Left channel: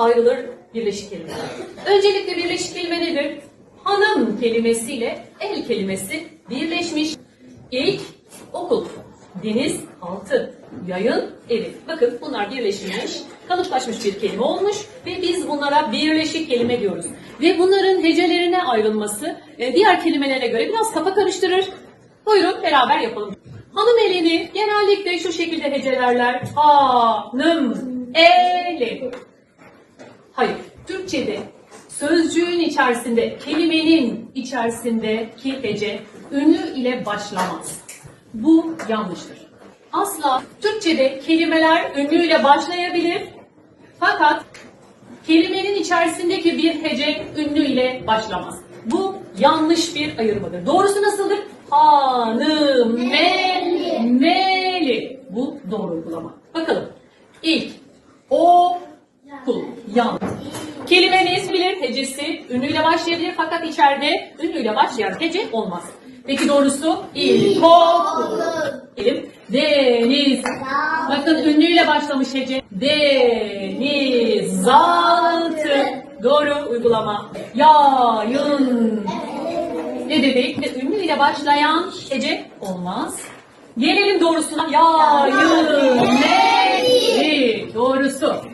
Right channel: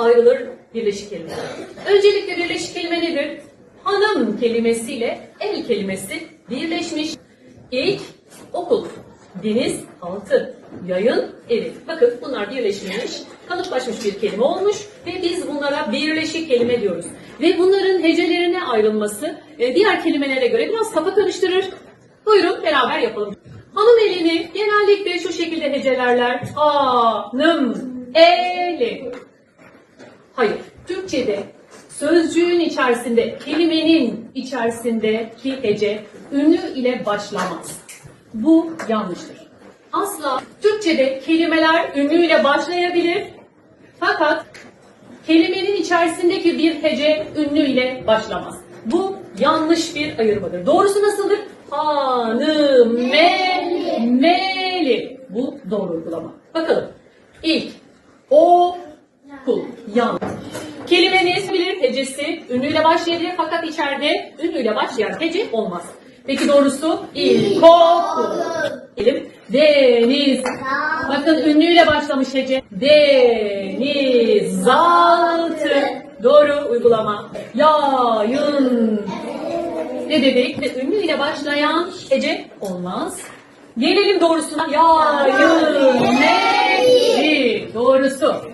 ayrılır birleşik kelimeler. Öncelikle birleşik kelime nedir? Hanım kelimesiyle el kelimesi birleşmiş. İlk okul, deniz, altı, yayın, evi. Bakın bunlar birleşmiş, kalıplaşmış bir kelime olmuş ve biz bunlara birleşik kelime diyoruz. Ve bunların hecelerine ayrılması e, diğer kelimelere göre biraz kafa karıştırır. Buyurun beraber yapalım. Hanım elini genellikle şu şekilde hecelerler. Hanım eli. Hayır. Türkçe'de sözcüğün içerisinde, kelimenin içerisindeki hece ünlü ile başlamaz. Bu yanlıştır. Asla Türkçe'de kelimeler ünlüyle başlayabilir. Fakat kelimenin içerisindeki bir hece ünlü ile başlamaz. Bu yanlış bir ayırmadır. Doğrusu nasıldır? Hanım, me, meli. Bu doğru uygulama. Bakalım. İlk, o, Yanlış. Kelimenin ismidir, hecesi ünlüyle başlayabilir fakat içeride ünlüyle başlayan hece olmaz. Peki doğrusu ilkokul. Deniz. Bakın ünlüyle başlamış hece. Denizaltı. Doğru uygulama. Yayın. Ne dedik? Ve ünlüyle başlayan hece olmaz. Gelelim doğrusuna. Yayın. Doğrusu.